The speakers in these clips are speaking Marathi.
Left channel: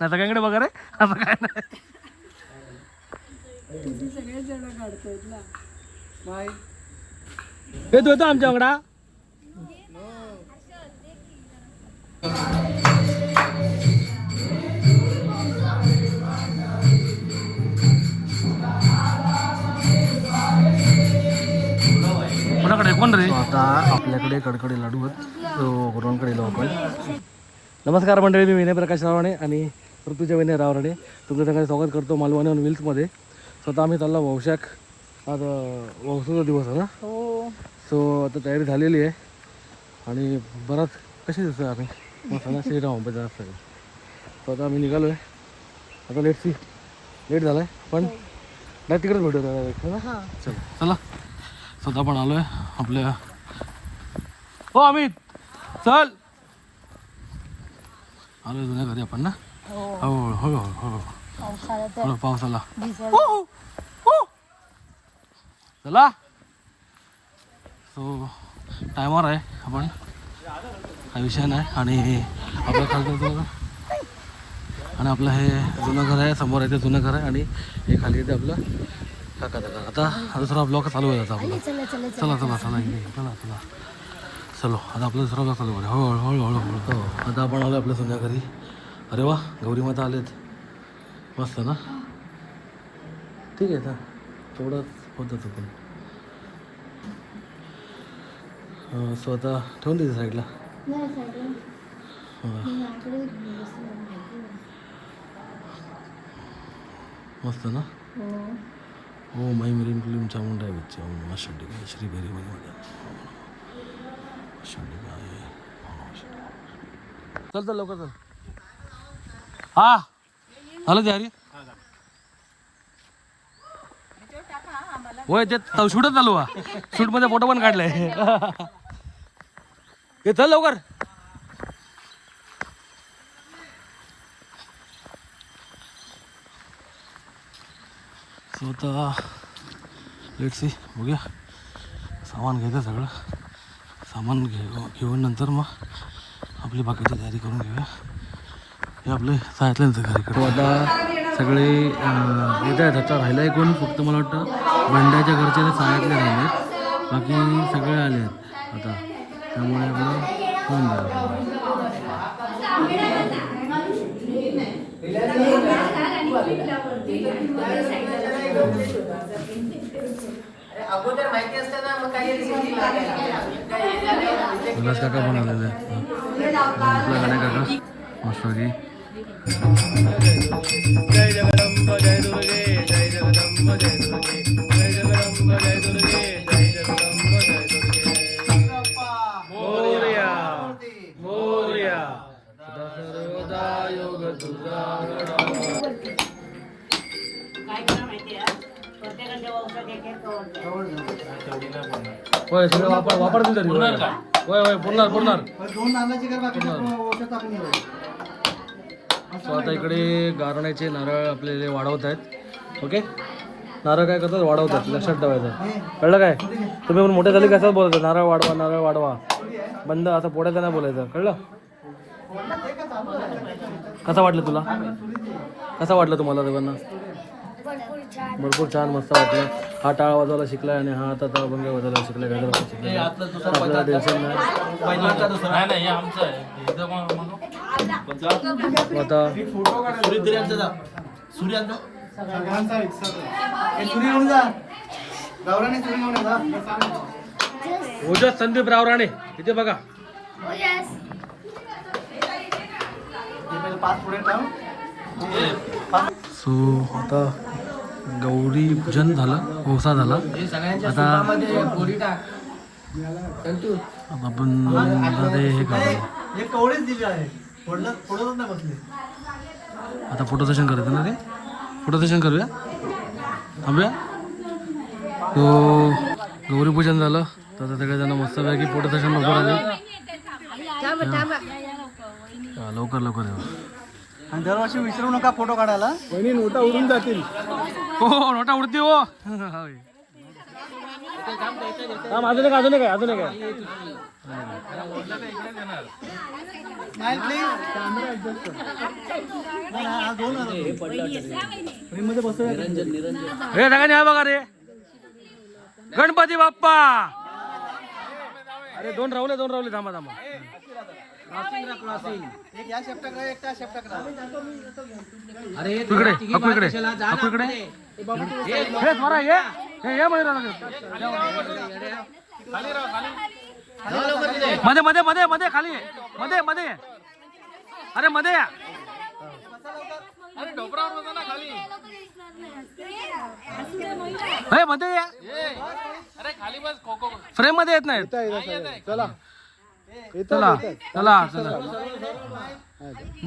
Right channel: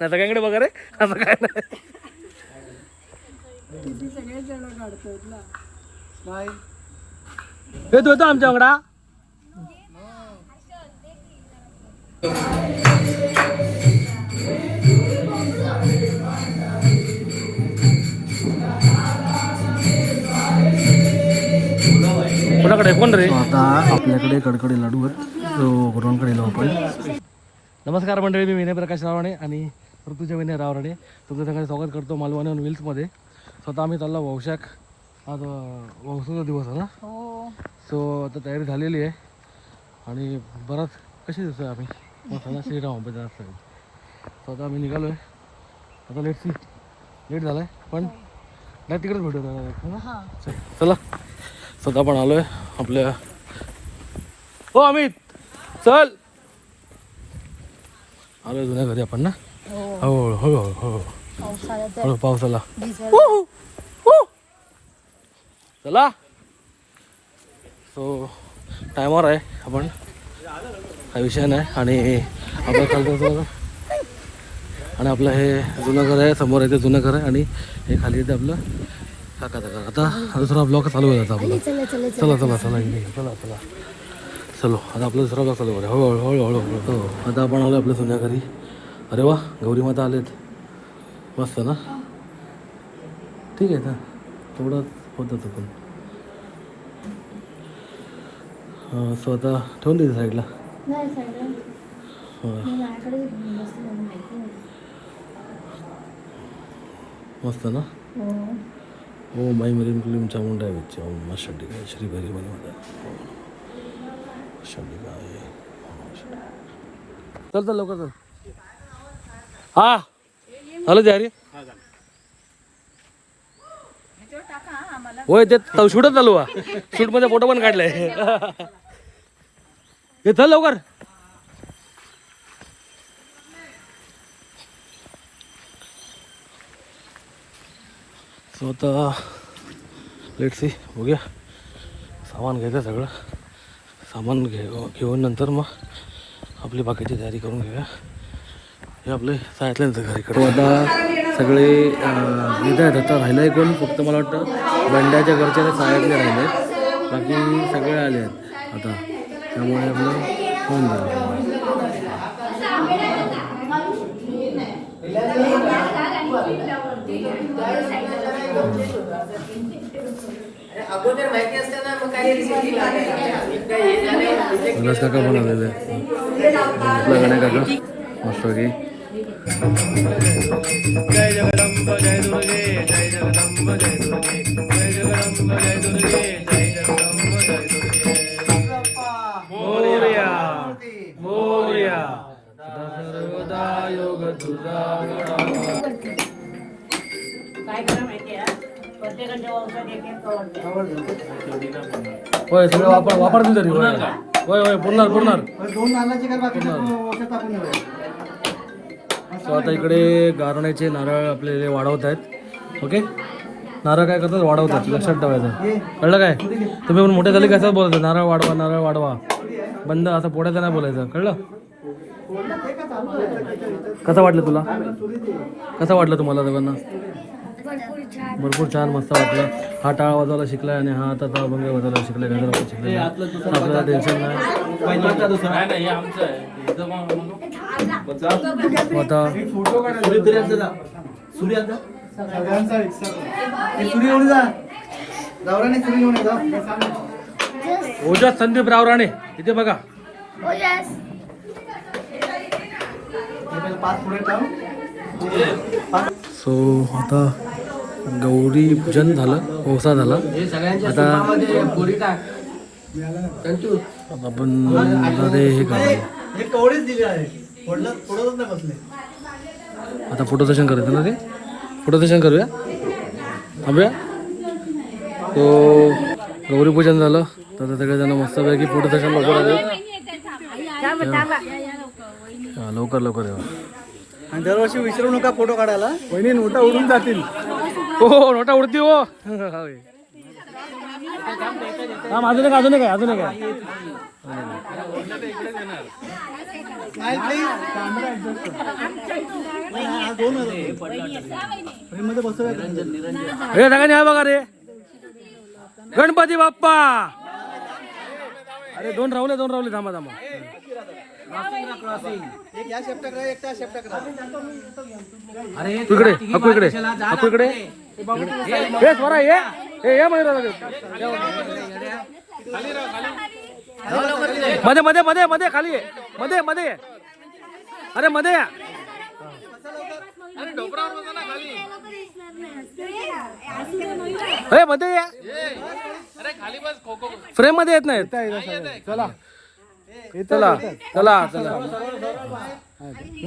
नाही सगळ्यांकडे बघा रे? असं काय नाही. येतो येतो आमच्याकडा कोणाकडे? कोण रे? आता आपल्याकडे कडकडे लाडू आहेत. तो रोहनकडे लावू आपण नमस्कार मंडळी मी विनय प्रकाश रावणे आणि ऋतुजा विनय रावणे तुमचं सगळं स्वागत करतो मालवणी आणि मिल्समध्ये स्वतः आम्ही चाललो वौशाख आज वौसाचा दिवस आहे ना? हो. सो आता तयारी झालेली आहे. आणि बराच कसे दिसतोय आम्ही? मस्त ना श्रीराम सगळं सो आता आम्ही निघालो आहे आता लेट सी लेट झाला आहे पण नाही तिकडेच भेटू हा चल चला. स्वतः पण आलोय आपल्या हो अमित! चल! आलोय जुन्या घरी आपण ना? हो. हो हो हो हो हो. पावसाला चला. सो टायमावर आहे आपण. काही विषय नाही. आणि आपलं खालचं आणि आपलं हे जुनं घर आहे समोर आहे ते जुनं घर आहे आणि हे खाली येते आपलं काकाचं घर आता हा दुसरा ब्लॉक चालू आहे आता आपला. चला चला चला चला. चला चला आता आपलं दुसरा ब्लॉक चालू करूया हळूहळू हळूहळू हळू हो आता आपण आलो आपल्या जुन्या घरी. अरे वा गौरी माता आलेत. मस्त ना? ठीक आहे ना. तेवढं होतं तो पण स्वतः ठेवून देते साईडला. मस्त ना? ओ माई मरीन क्लीम चामुंडा विच ओम हो, शंडिका श्री भैरी बने हो. माता शंडिका चल चल लवकर चल. हा. झालं तयारी? होय ते शूटच चालू हा शूटमध्ये फोटो पण काढलाय. हे चल लवकर. आता लेट सी बघूया सामान घ्यायचं सगळं. सामान घे घेऊन नंतर मग आपली बाकीची तयारी करून घेऊया. हे आपले सांगितल्यानंतर घरीकडे आता सगळे येत आहेत. आता राहिलं कोण? फक्त मला वाटतं बंड्याच्या घरचे सायातले राहिले आहेत. बाकी सगळे आले आहेत. आता त्यामुळे आपलं होऊन जाईल. कैलास काका पण आलेले आहेत. आपला गणे काका. मस्त की होय सगळं वापर वापरतील तरी होय होय पुरणार पुरणार. दोन नारळाची काय बाकी औषध आपण सो आता इकडे गारण्याचे नारळ आपल्याला वाढवत आहेत. ओके नारळ काय करतात? वाढवतात. लक्षात ठेवायचं. कळलं काय? तुम्ही पण मोठे झाले कसं बोलायचं? नारळ वाढवा नारळ वाढवा. बंद असं पोट्याचं नाही बोलायचं? कळलं? कसं वाटलं तुला? कसं वाटलं तुम्हाला दोघांना? भरपूर छान मस्त वाटलं. हा टाळा वाजवायला शिकलाय आणि हा आता ताळभंग वाजवायला शिकलाय. टेन्शन नाही. आता संदीप रावराणे इथे बघा सो आता गौरी पूजन झालं पावसा झाला. आता आपण हे करू हे आता फोटो सेशन करायचं ना ते? फोटो सेशन करूया? थांबूया? तो गौरी पूजन झालं. तर सगळेजण मस्तपैकी फोटो सेशन लवकर आले हा, लवकर लवकर येवा. आणि दरवर्षी विसरू नका फोटो काढायला. वहिनी नोटा उडून जातील. हो नोटा उडती हो. हा अजून एक अजून आहे अजून एक रे सगळ्यांनी हा बघा रे गणपती बाप्पा. अरे दोन राहुले दोन राहुले थांबा थांबा. एक या शेपटाक राहा एक त्या शेपटाक राहा तू इकडे हक्कू इकडे हक्कू इकडे. हे स्वरा ये. हे ये म्हणे मध्ये मध्ये मध्ये मध्ये खाली. मध्ये मध्ये. अरे मध्ये. या अरे मध्ये या. फ्रेममध्ये येत नाहीत. चला चला चला.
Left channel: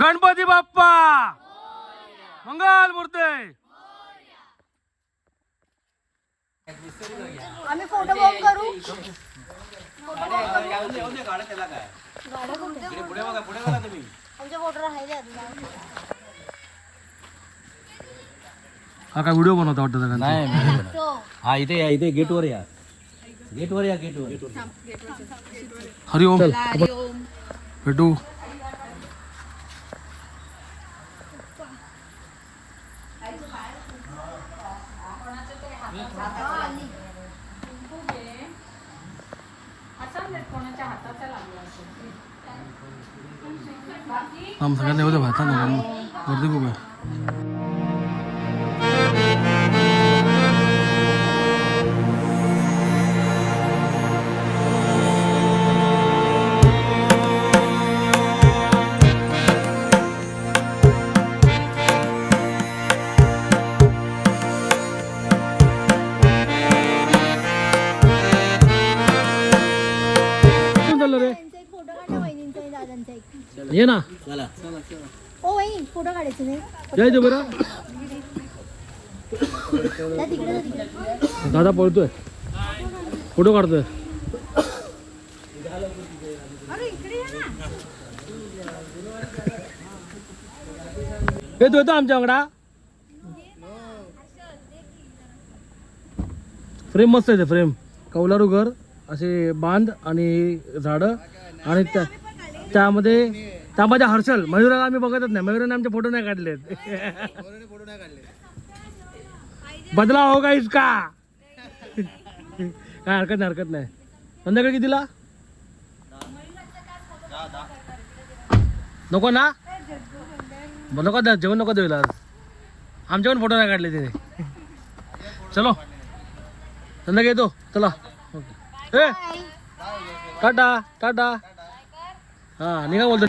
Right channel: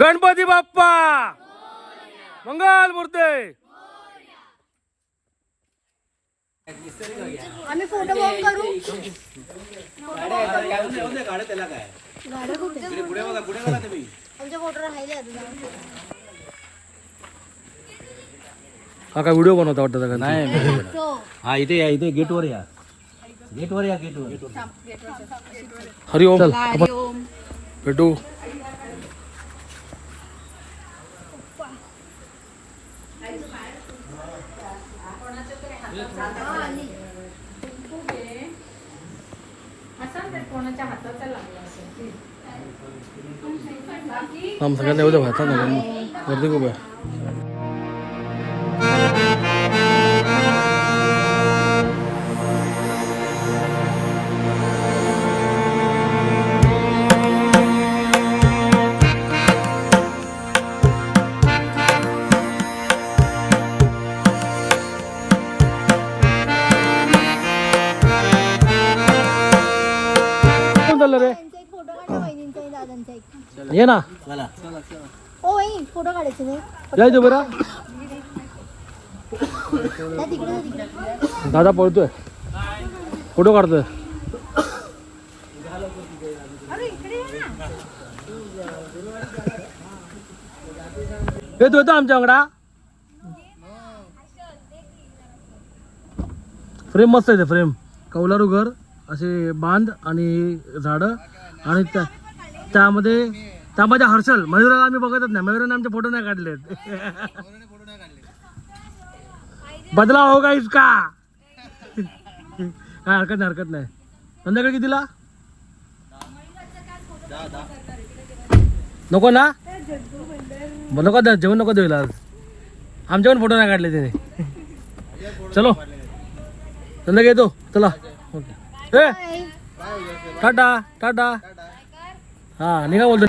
गणपती बाप्पा! मंगल मूर्ती! आम्ही फोटो बॉम्ब करू. आमचे फोटो राहिले आहेत ना. हा काय व्हिडिओ बनवता वाटतं सगळ्यांचा? तो. हा इथे या इथे गेटवर या. गेटवर या गेटवर हरिओम. भेटू. आम सगळ्यांना एवढं भाता ना. गर्दी खूप आहे. ये ना। चला. ओ फोटो काढायचे मी जायचं बरं. त्या तिकडे जा तिकडे. दादा पळतोय. फोटो काढतोय. अरे इकडे या ना. येतो येतो आमच्याकडा फ्रेम मस्त आहे फ्रेम कौलारू घर असे बांध आणि झाडं. आणि त्या- त्यामध्ये त्यामध्ये हर्षल मयुराला आम्ही बघतच नाही. मयुराने आमचे फोटो नाही काढलेत. बदला हो का? इसका काय हरकत नाही हरकत नाही. संध्याकाळी कितीला? नको ना? नको जेवण नको द्यायला आज आमच्या पण फोटो नाही काढले त्याने चलो. संध्याकाळी येतो. चला. ओके. Ta-ta ta-ta. हा निघा बोलतो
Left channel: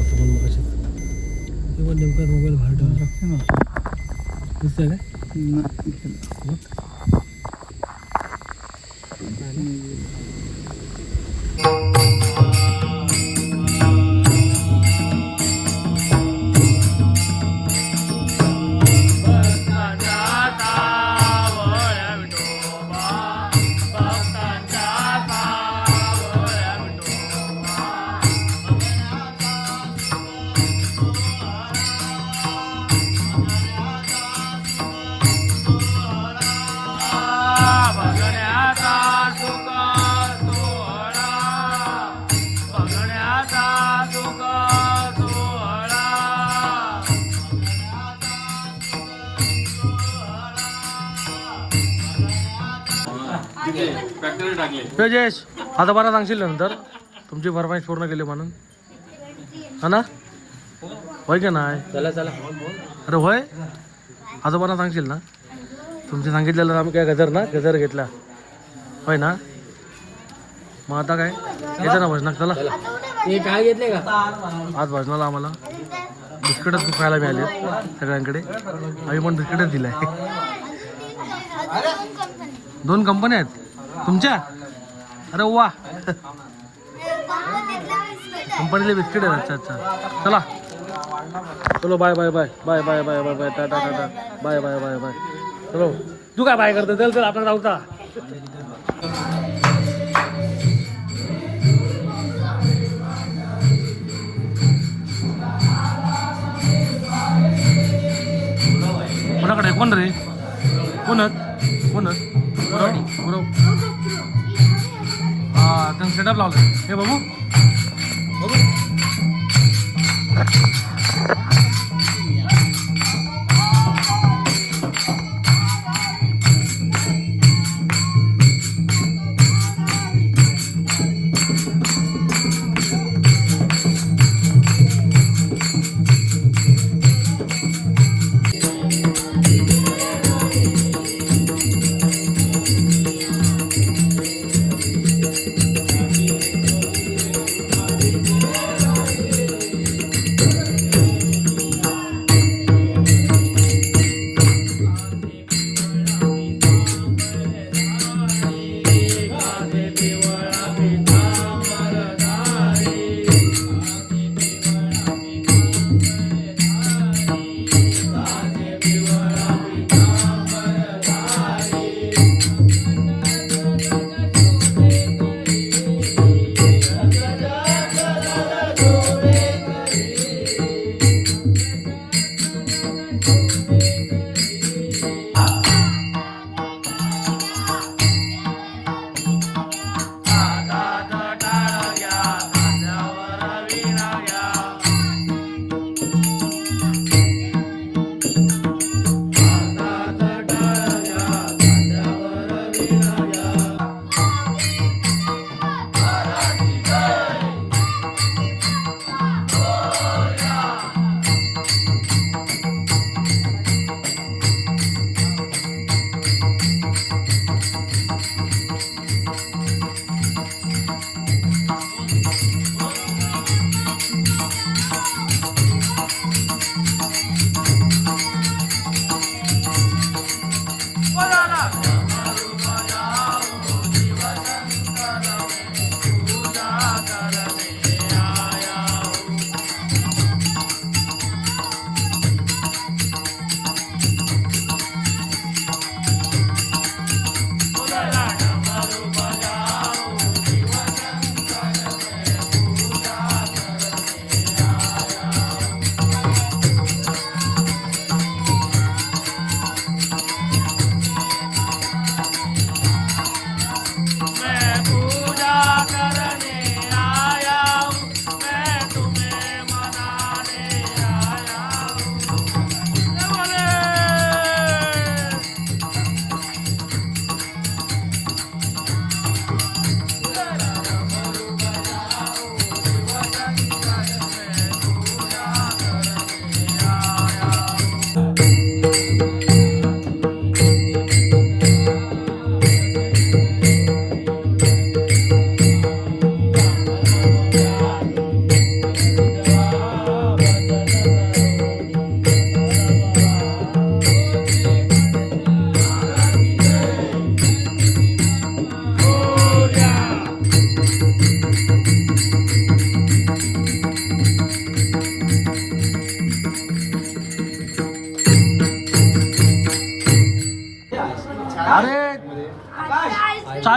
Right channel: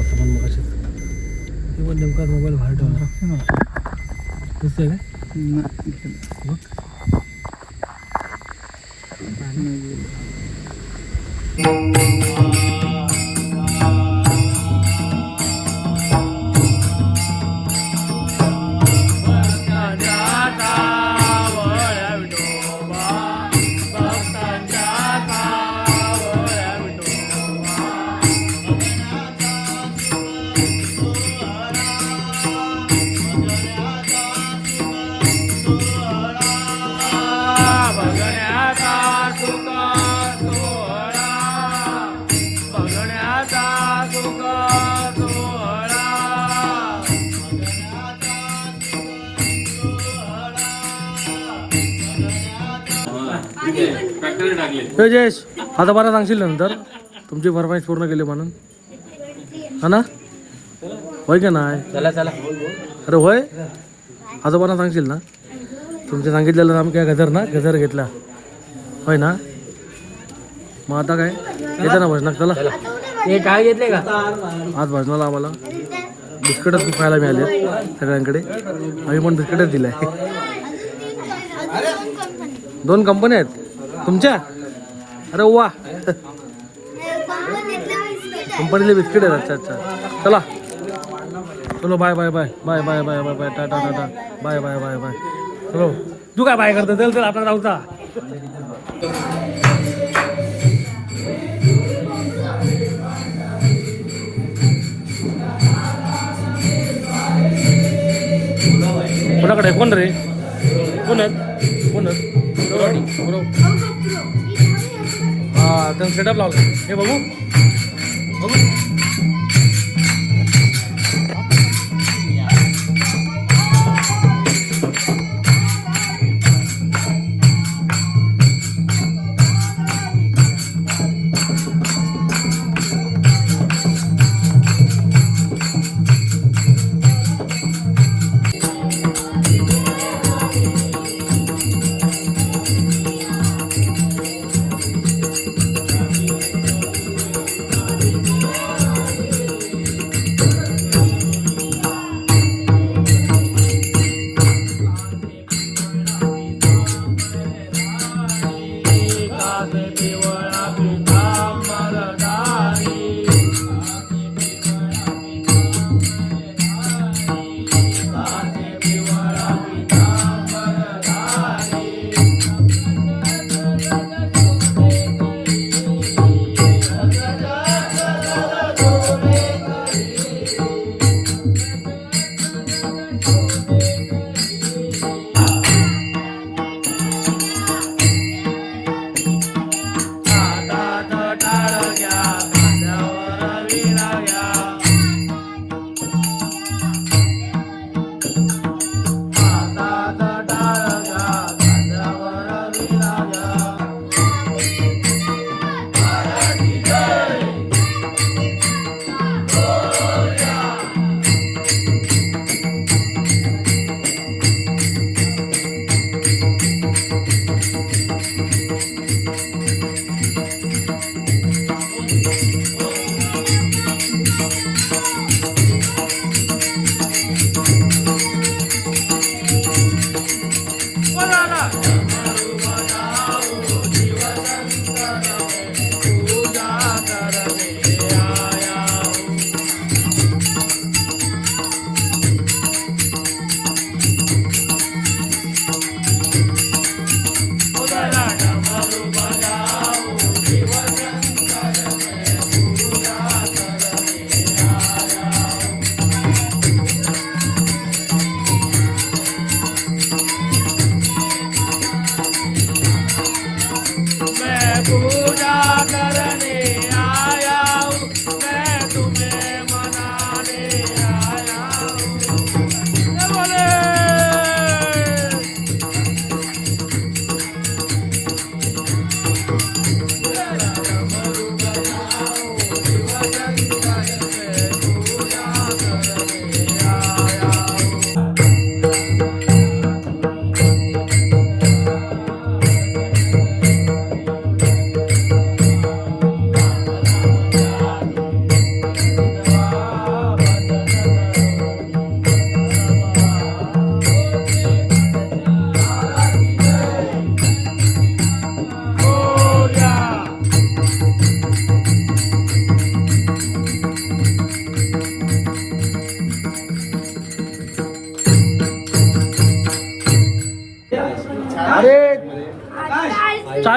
होता पण मग ते पण नेमका मोबाईल बाहेर ठेवला दिसतंय काय? बघ. तेजेश आता बरा सांगशील नंतर? तुमची फरमाईश पूर्ण केली म्हणून. हा ना? होय का नाही? अरे होय? आजोबांना सांगशील ना? तुमच्या सांगितलेलं नाम काय गजर ना? गजर घेतला. होय ना? मग आता काय? येतं ना भजनाक चला. हे काय घेतले का? आज भजनाला आम्हाला बिस्किटच खूप खायला मिळाले सगळ्यांकडे. आम्ही पण बिस्किटच दिलाय. दोन कंपन्या आहेत? तुमच्या? अरे वा. कंपनीले बिस्किट आहे अच्छा अच्छा. चला. चलो bye bye bye bye bye bye bye bye ta-ta ta-ta. Bye bye bye bye चलो. तू काय बाय करतो? चल चल आपला जाऊचा कोणाकडे? कोण रे? कोणच कोणच बरोबर हा त्यांनी सेटअप लावलं हे बघू.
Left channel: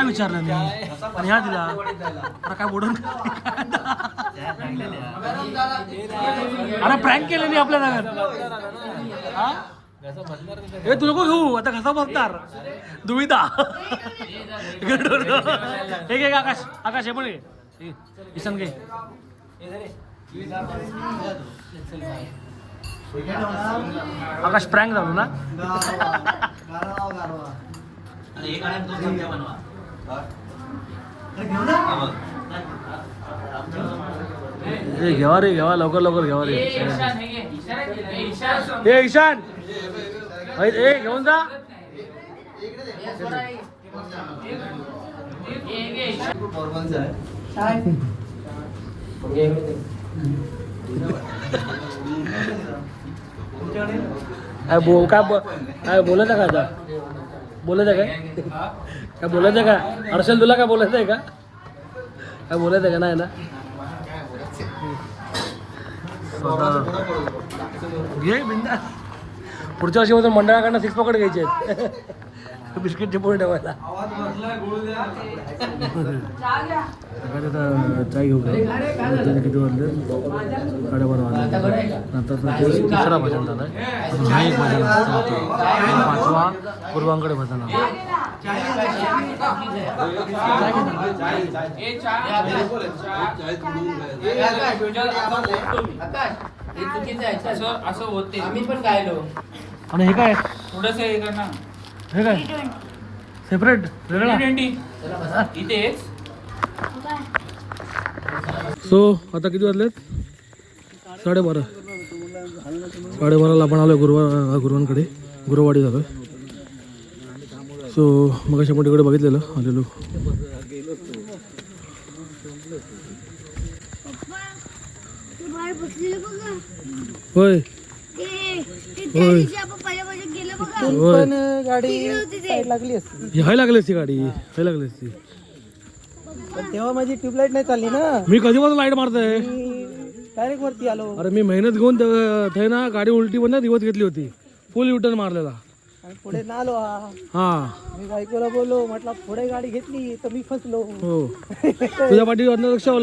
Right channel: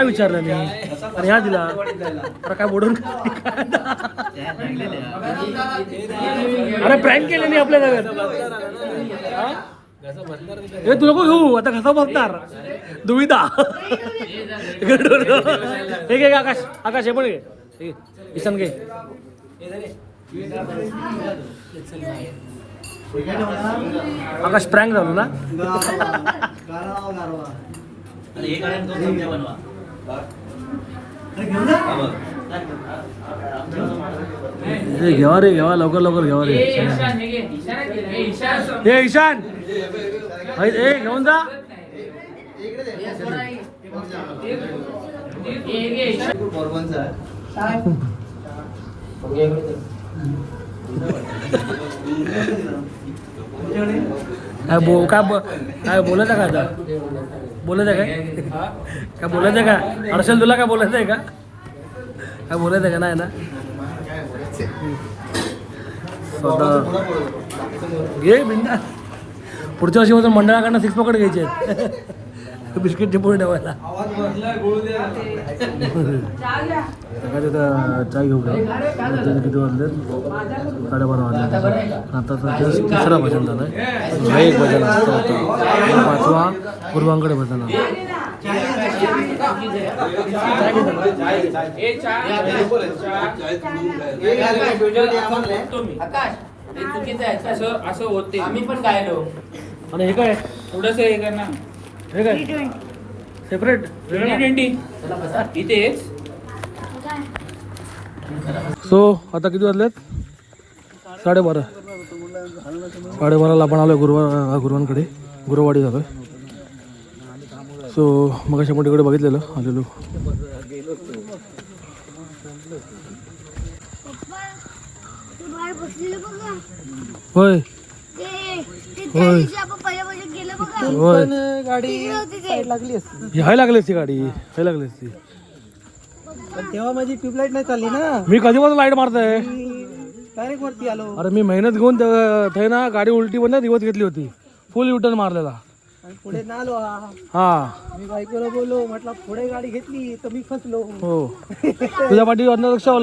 चाय विचारलं नाही आणि ह्या दिला. अरे काय बोडून अरे प्रँक केले नाही आपल्या जागेत हा? तू नको घेऊ. आता कसा बघणार दुविधा. हे घे आकाश. आकाश हे पण घे. किसन घे. आकाश प्रँक झालो ना? हे घेवा रे घेवा लवकर लवकर घेवा रे. हे ईशान. ए घेऊन जा. काय बो काय बो काय बोलायचं का काय काय बोलायचं का? हर्षल तुला काय बोलायचं आहे का? काय बोलायचं आहे का? नाही ना? घे बिंदा. पुढच्या वर्षी मग मंडळाकडनं सिक्स पॉकेट घ्यायचे बिस्किटचे पोळ ठेवायला. सकाळी चाय घेऊ किती वाजले? साडेबारा वाजले. आता तर तिसरा भजन झालं हा एक भजन असतं होता पाचवा. पूर्वांकडे भजन असं होते आम्ही पण गायलो आणि हे काय? थोडस हे कर ना हे काय? सेपरेट ट्वेंटी इथेच सो आता किती वाजलेत? साडेबारा. साडेबाराला आपण आलो गुरुवार गुरुवांकडे. गुरुवाडी झालो सो मग अशा मोठीकडे बघितलेलं आलेलो. होय. होय. होय. हाय लागली असती गाडी हाय लागली असती. पण तेव्हा माझी ट्यूबलाईट नाही चालली ना. मी कधीपासून लाइट मारतोय? डायरेक्ट वरती आलो. अरे मी मेहनत घेऊन ते ना गाडी उलटी बंद दिवस घेतली होती. फुल युटर्न मारलेला. पुढे ना आलो हा. हा. मी बायकोला बोललो म्हटलं पुढे गाडी घेतली तर मी फसलो. हो. तुझ्या पाठी अन्न लक्षावर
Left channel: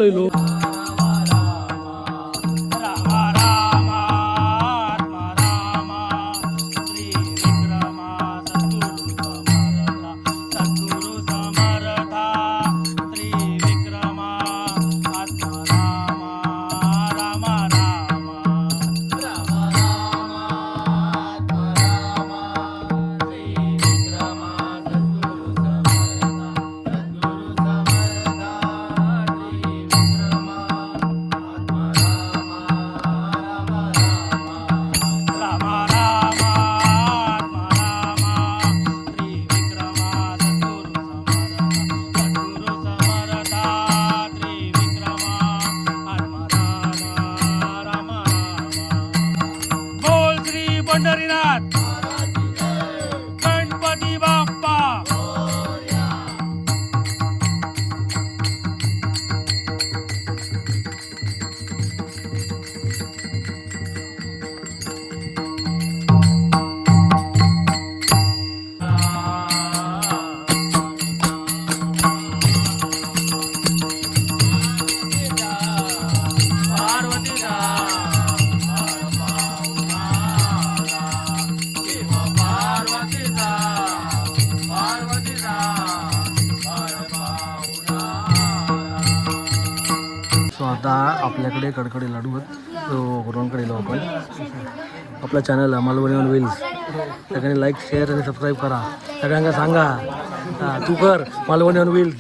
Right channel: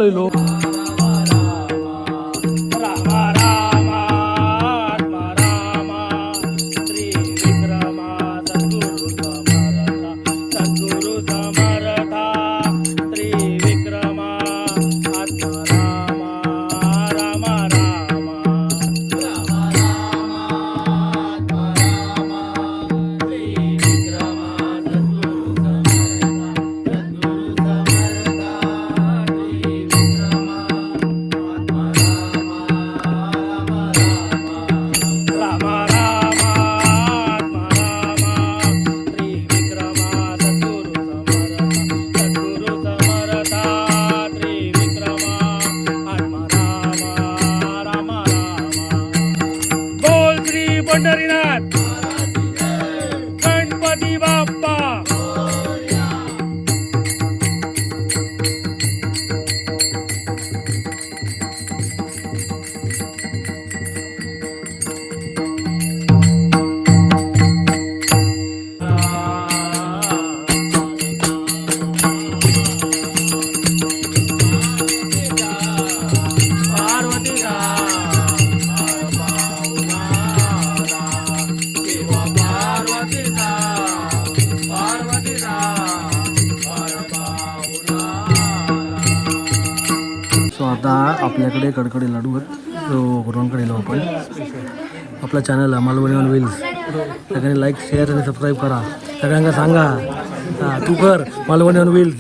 मालवणी होईल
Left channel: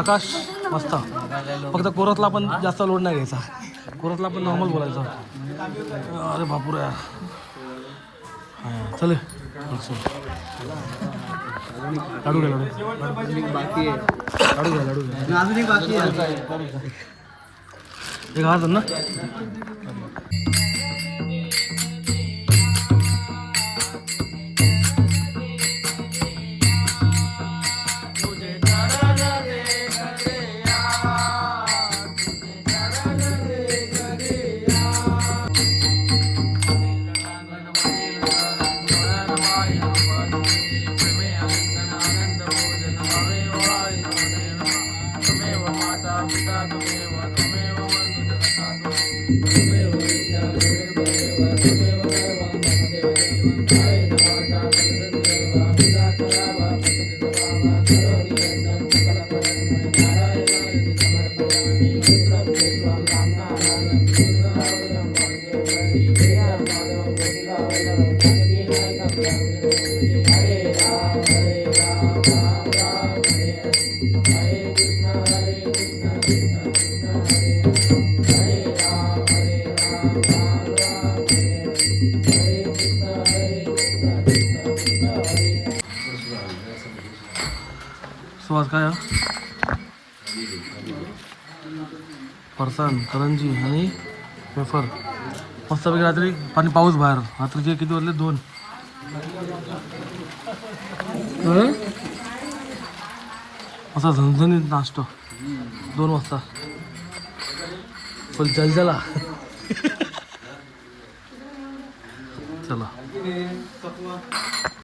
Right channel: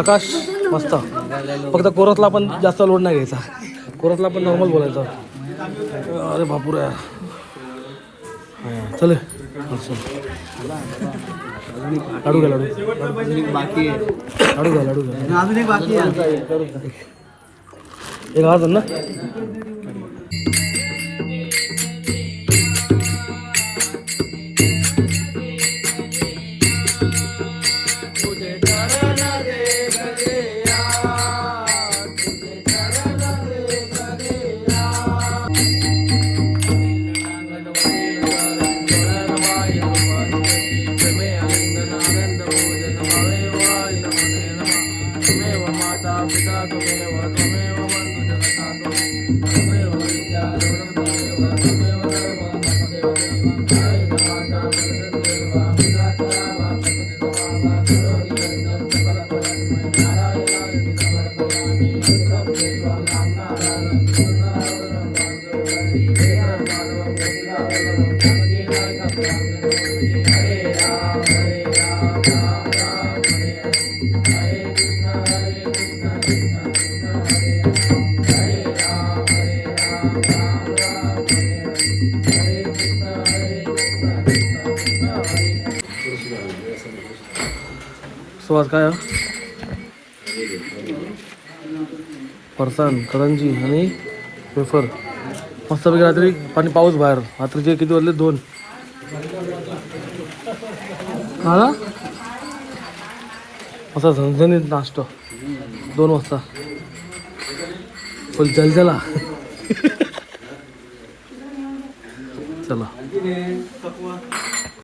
आकाश मस्त. फक्त कोरसला पण जास्त लोड नाही घ्यायचा. कोरसला पण नॉर्मल बोलायचं. अरे बापूर. चल. लाडू घ्या लाडू. बाकी लाडू घ्या लाडू घ्या. एक हात ना? सो आज काय फरसान करंजी आणि पेपर. मस्तपैकी रात्री पाणी पाऊस बाहेर. रात्रीचे किती वाजले? दोन. हा असा झणझणीत नाश्ता. दोन वाजता. पण जलजला.